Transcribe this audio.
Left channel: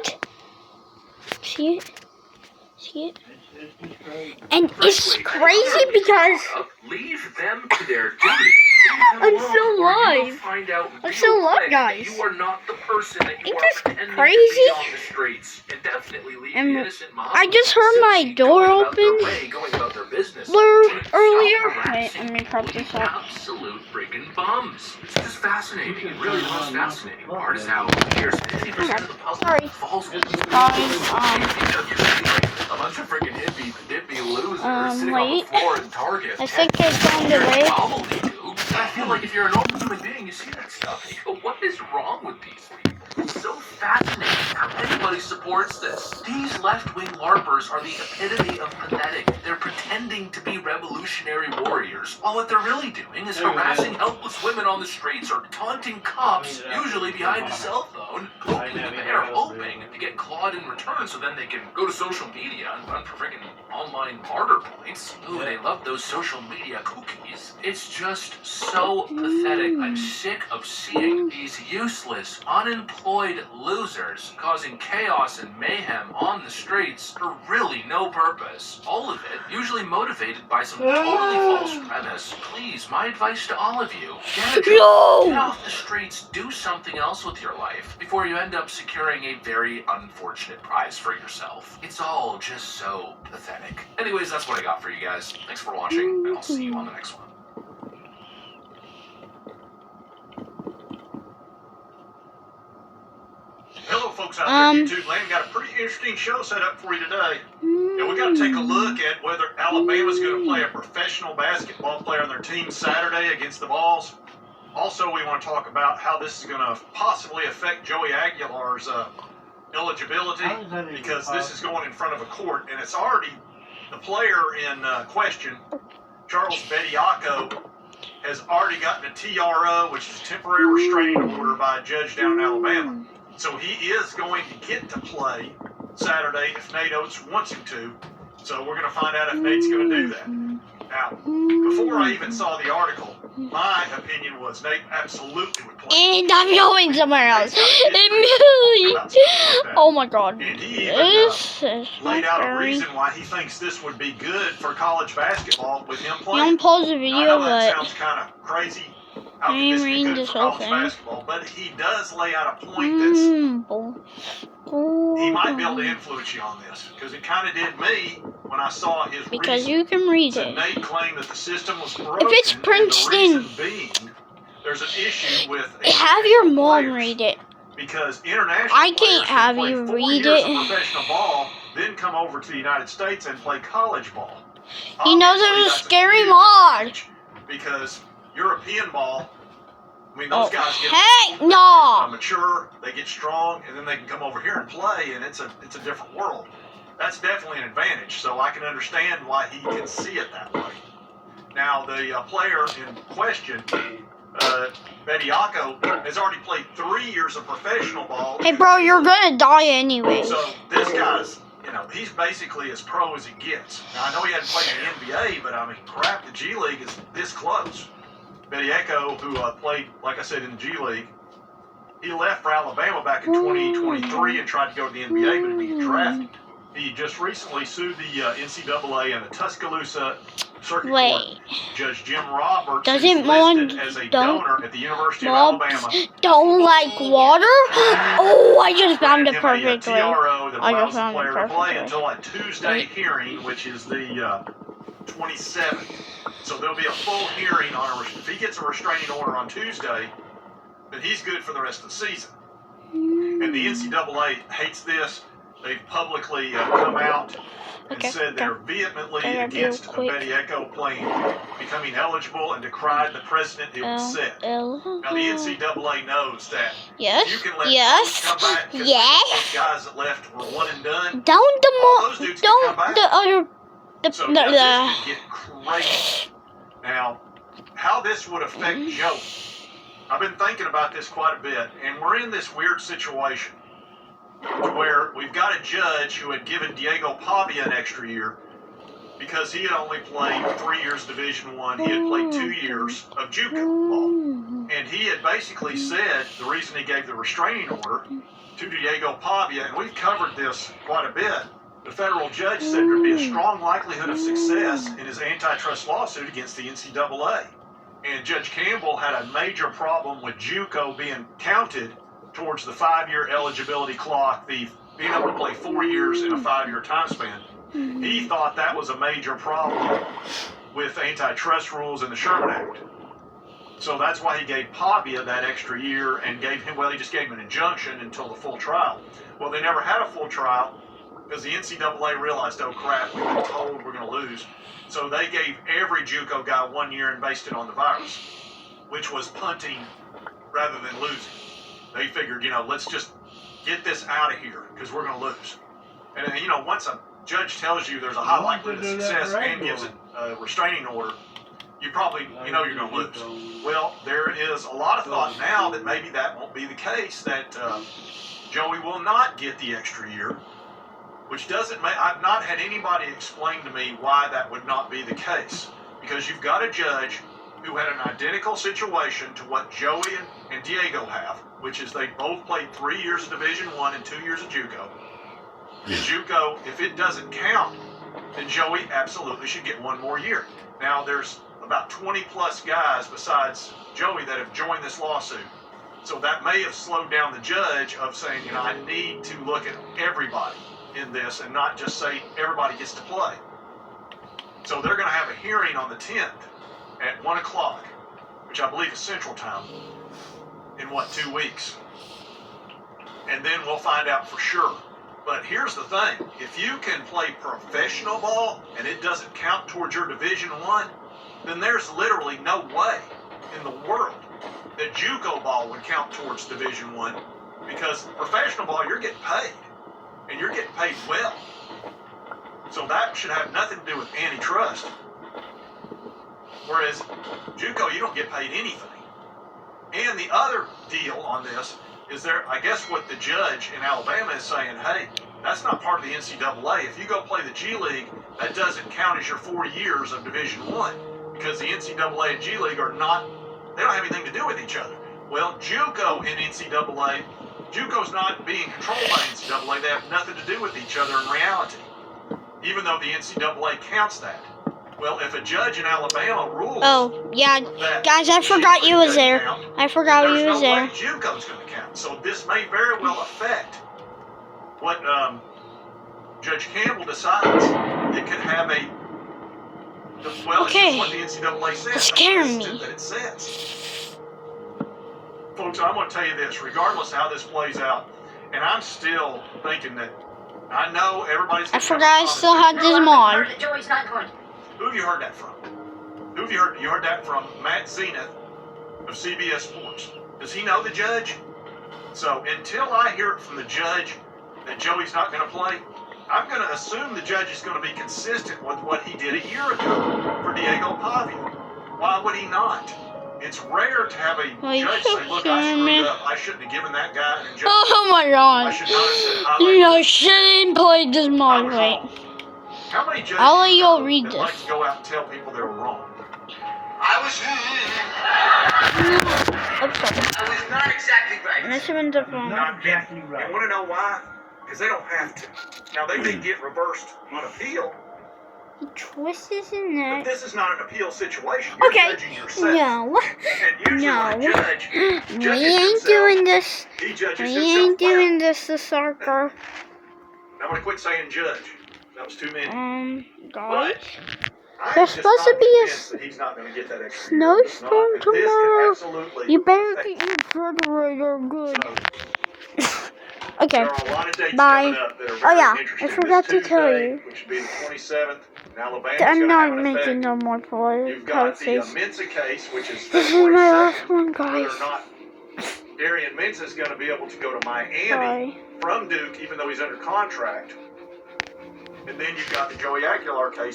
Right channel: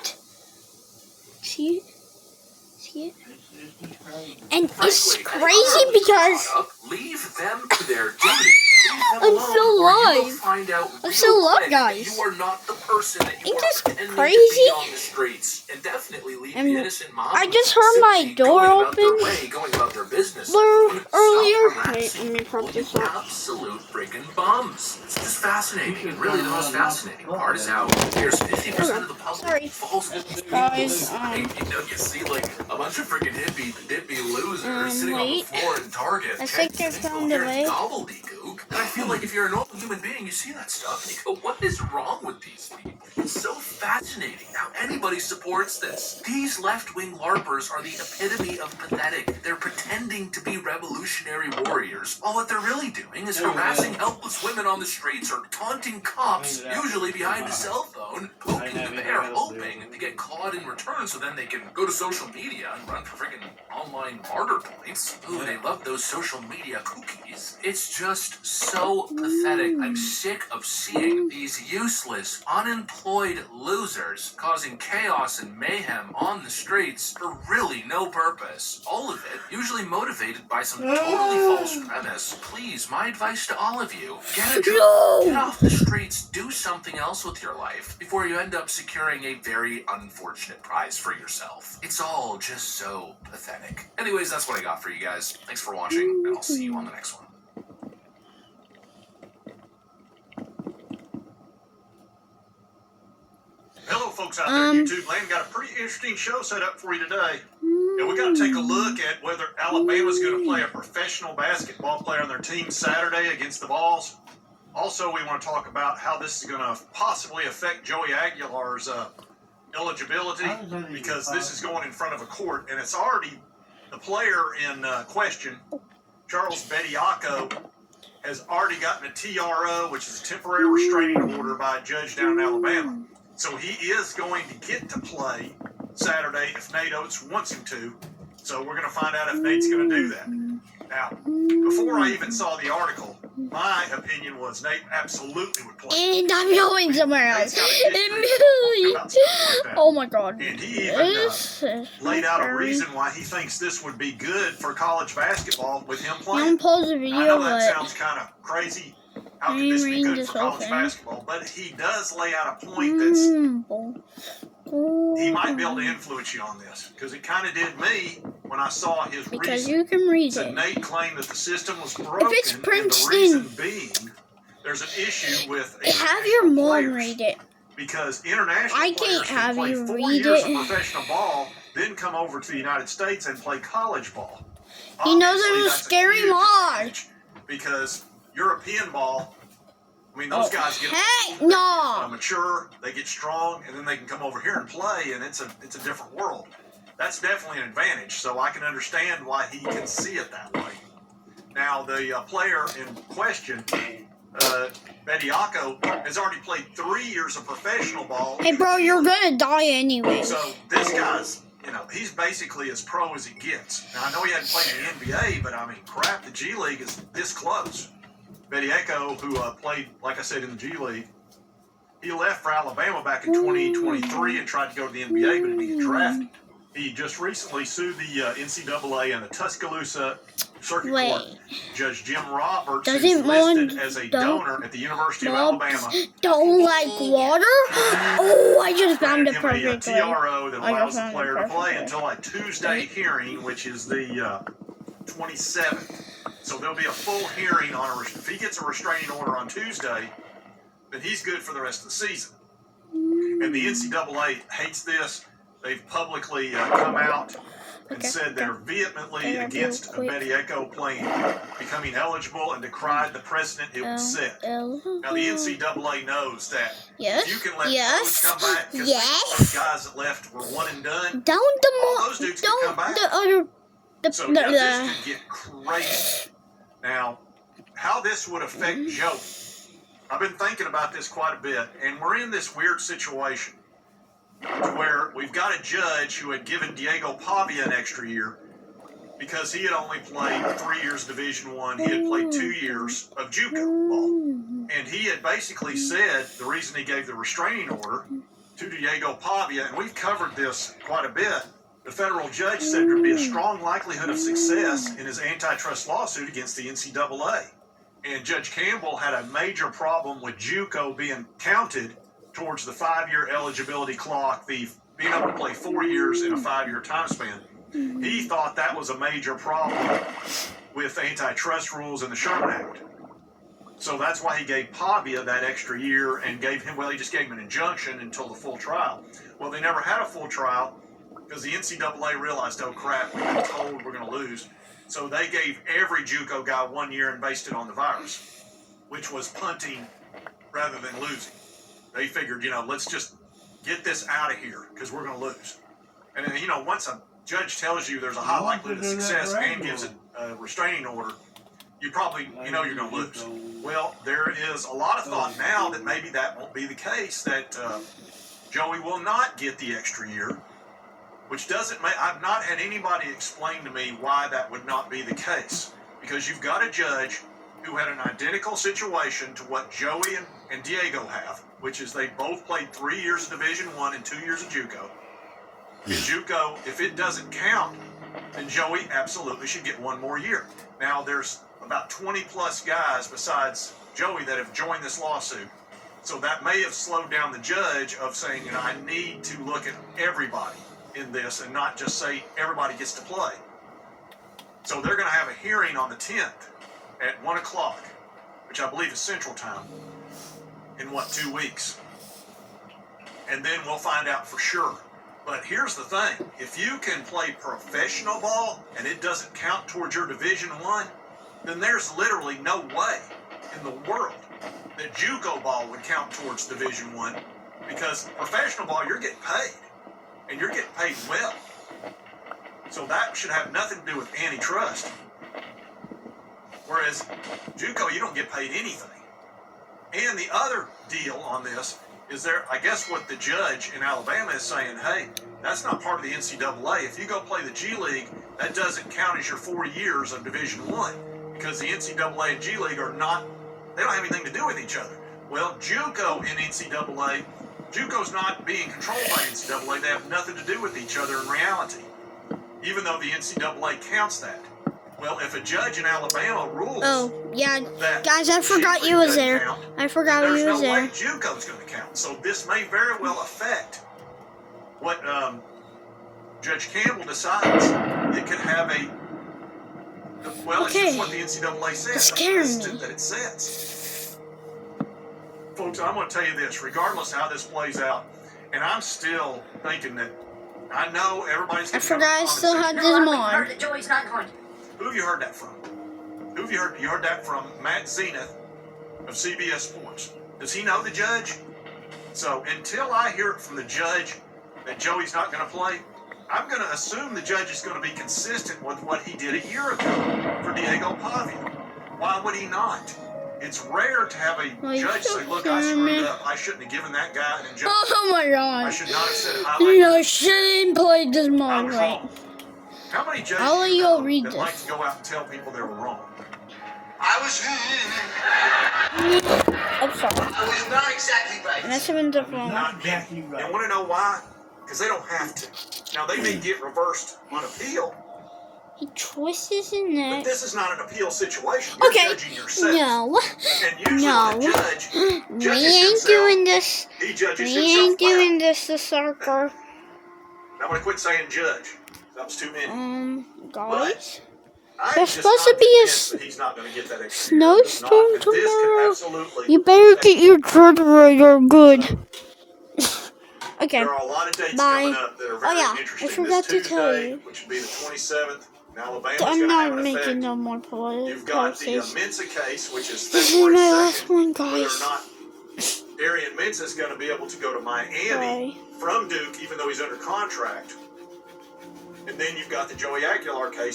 What? See it? See it? And it's crazy because leave them to their duty. I'm still alive. I'm still alive, guys. You are not the person that you Ain't are this pretending crazy? to be on the streets, and definitely leave And the innocent moms I just heard my simply door going about their open way, going about their business. earlier. Stop Wait, let me prop this up. absolute freaking bums. It's just fascinating. And really, the most fascinating part is how here's 50% of the Sorry. public falls for this. Guys, You see, like, a bunch of freaking dippy losers sitting on the wait. floor in Target. I think they found the way. Gobbledygook. And I feel like if you're a normal human being, you see that stuff and you go, what is wrong with these people? It's so fascinating how anybody supports this. These left-wing LARPers are the epitome of pathetic. They're pretending to be revolutionary warriors, while what they're really doing is harassing helpless women on the streets or taunting cops, usually behind a cell phone, poking the bear, hoping to get clawed in return so then they can go to social media and run for friggin' online martyr points. Ooh, they love those social media cookies. It's just so pathetic. I'm sick of seeing these useless, unemployed losers causing chaos and mayhem on the streets for really no purpose. All of it usually motivated by some totally false premise. Please, my advice to all of you, get a job, get off the streets, do something else with your life before you end up securing a very unfortunate prize for yourself. It's all just so pathetic. Anyways, that's what I got for you guys. Thanks for watching, and I'll see you on the next one. Hello, folks out there in YouTube land. Got a pretty interesting show set up for you today. And we got to take a look at whether Alabama's going to play a professional basketball player on their team Saturday against the Vols. Also, we want to talk about how this is going to possibly affect Joey Aguilar's eligibility, because this is going in front of a court, and it's already the player in question, Charles Bediako, has already gotten a TRO, which is a temporary restraining order by a judge down in Alabama. So he is going to get to play Saturday if Nate Oates wants him to. So we're going to find out if Nate's going to do that. Now, before I even saw the article, my opinion was Nate absolutely would play. And I'm going somewhere else. Oh my god. And he even laid out a reason why he thinks this would be good for college basketball with him playing. Don't pause the I video, know that but sounds kind of crazy. How could this be good for college basketball? But he does lay out a point that's he might be able to influence you on this, because it kind of did me when I saw his because reason. you can read So it. Nate claimed that the system was broken. If it's and Princeton, the reason being, there's an issue with have your mom players, read it. because international I can't players have who play you 4 read years it. of professional ball then come over to the United States and play college ball. He knows Obviously, it was a that's scary huge mod. advantage, because European ball, I mean, those guys get mature, they get strong, and then they can come over here and play, and it's a different world. That's definitely an advantage, so I can understand why he can see it that way. Now, the player in question, Bediako, has already played 3 years of professional ball. Hey bro, you're gonna die anyway. So this guy's, he's basically as pro as it gets. Now, I know he hadn't played in the NBA, but I mean, crap, the G League is this close. Bediako, who played, like I said, in the G League, he left for Alabama back in 2023 and tried to go to the NBA, but he didn't get drafted. He just recently sued the NCAA and the Tuscaloosa Circuit Court. Judge Jim Roberts is listed as a donor at the University of Alabama. Don't like water? Oh, I just found it perfectly. A TRO that allows the player to play until a Tuesday hearing, which is the 27th. So there'll be a full hearing on if he gets a restraining order on Tuesday, then he's good for the rest of the season. And the NCAA hates this. They've publicly come out and said they're vehemently against Bediako becoming eligible, and decried the precedent it would set. Now the NCAA knows that if you can let those come back, because those guys that left were one and done. All those dudes can come back. So this could get crazy. Now, how this would affect Joey, I've been thinking about this quite a bit, and we're in this weird situation where we've got a judge who had given Diego Pavia an extra year because he had only played 3 years Division I. He had played 2 years of JUCO ball. And he had basically said the reason he gave the restraining order to Diego Pavia, and we've covered this quite a bit. The federal judge said there'd be a strong likelihood of success in his antitrust lawsuit against the NCAA. And Judge Campbell had a major problem with JUCO being counted towards the 5-year eligibility clock, the being able to play 4 years in a 5-year time span. He thought that was a major problem with antitrust rules in the Sherman Act. So that's why he gave Pavia that extra year and gave him, well, he just gave him an injunction until the full trial. Well, they never had a full trial because the NCAA realized, oh crap, we've been told we're going to lose. So they gave every JUCO guy 1 year and based it on the virus, which was punting rather than losing. They figured, let's just get this out of here because we're going to lose. And once a judge tells you there's a high likelihood of success and gives a restraining order, you probably, you're going to lose. Well, there is a lot of thought now that maybe that won't be the case, that Joey will not get the extra year, which doesn't make, I've not had anybody explain to me why that would not be the case. Because you've got a judge who had an identical situation to what Joey and Diego have, which is they both played 3 years of Division I and 2 years of JUCO. JUCO, if it doesn't count, then Joey absolutely should get 1 more year. Now, there's about 20 plus guys besides Joey that have joined this lawsuit. So that may have slowed down the judge of saying, I need to look at everybody in this and not just say everybody gets to play. So they're going to have a hearing on the 10th at 1 o'clock, which I believe is Central Time, in 2 weeks. And then we'll find out for sure. But here's the thing. If you can play professional ball and it doesn't count towards your Division I, then there's literally no way in the world that JUCO ball would count towards Division I, because professional ball, you're getting paid. And you're getting paid well. So that should have nothing to do with antitrust. Whereas JUCO, you don't get paid anything. And the other deal on this is I guess what the judge in Alabama is saying, hey, that's not part of the NCAA. If you go play the G League, that doesn't count as your 4 years of Division I, because the NCAA and G League they don't have anything to do with each other. Well, JUCO and NCAA, JUCO's not being controlled by NCAA. They have nothing to do with each other in reality, even though the NCAA counts that. Well, if a judge in Alabama rules... Oh, yeah, guys, I forgot you was there. I forgot you was there. There's no way JUCO's going to count. So this may very well affect what Judge Campbell decides. It could have a... Well, it's just what the NCAA says. It's scaring me. That it says. Folks, I'm going to tell you this. Regardless how this plays out, and I'm still thinking that... I know everybody's... I forgot I still had this mod. Joey's not going. Who have you heard that from? Who have you heard? You heard that from Matt Zenith of CBS Sports. Does he know the judge? So until I hear it from the judge that Joey's not going to play, I'm going to assume the judge is going to be consistent with what he did a year ago for Diego Pavia. Why would he not? It's rare to have a judge say, look, I screwed up. I shouldn't have given that guy an injunction. Oh my god. I should not have said I shouldn't play this mod right. How many judges I'll let you all read this. like to go out and tell people they were wrong? I was not exactly right. And that's even the phone. Not exactly right. And want to know why? Because they don't have to. Now, they may get reversed on appeal. He twists his neck. But this is not an appeal situation. You're judging yourself. No. And usually the judge We ain't doing this. He judges We himself ain't doing well. this, the sucker. I'm going to quit saying judge. That was too many. Guys. I'm There's just supposed not to be a convinced that he's not going to get that extra year. snowstorm It's not. And this could tomorrow. absolutely You better affect get your refrigerator good. Okay. There are a lot of dates Bye. coming up that are very I interesting. forgot This to tell Tuesday, you. which would be the 27th, in Alabama. I'm not making no more plays. You've got the This Mensa case, which is is my last one, whether guys. or not Darian Mensa is going to be able to go to Miami Bye. from Duke, even though he's under contract. And then you've got the Joey Aguilar case,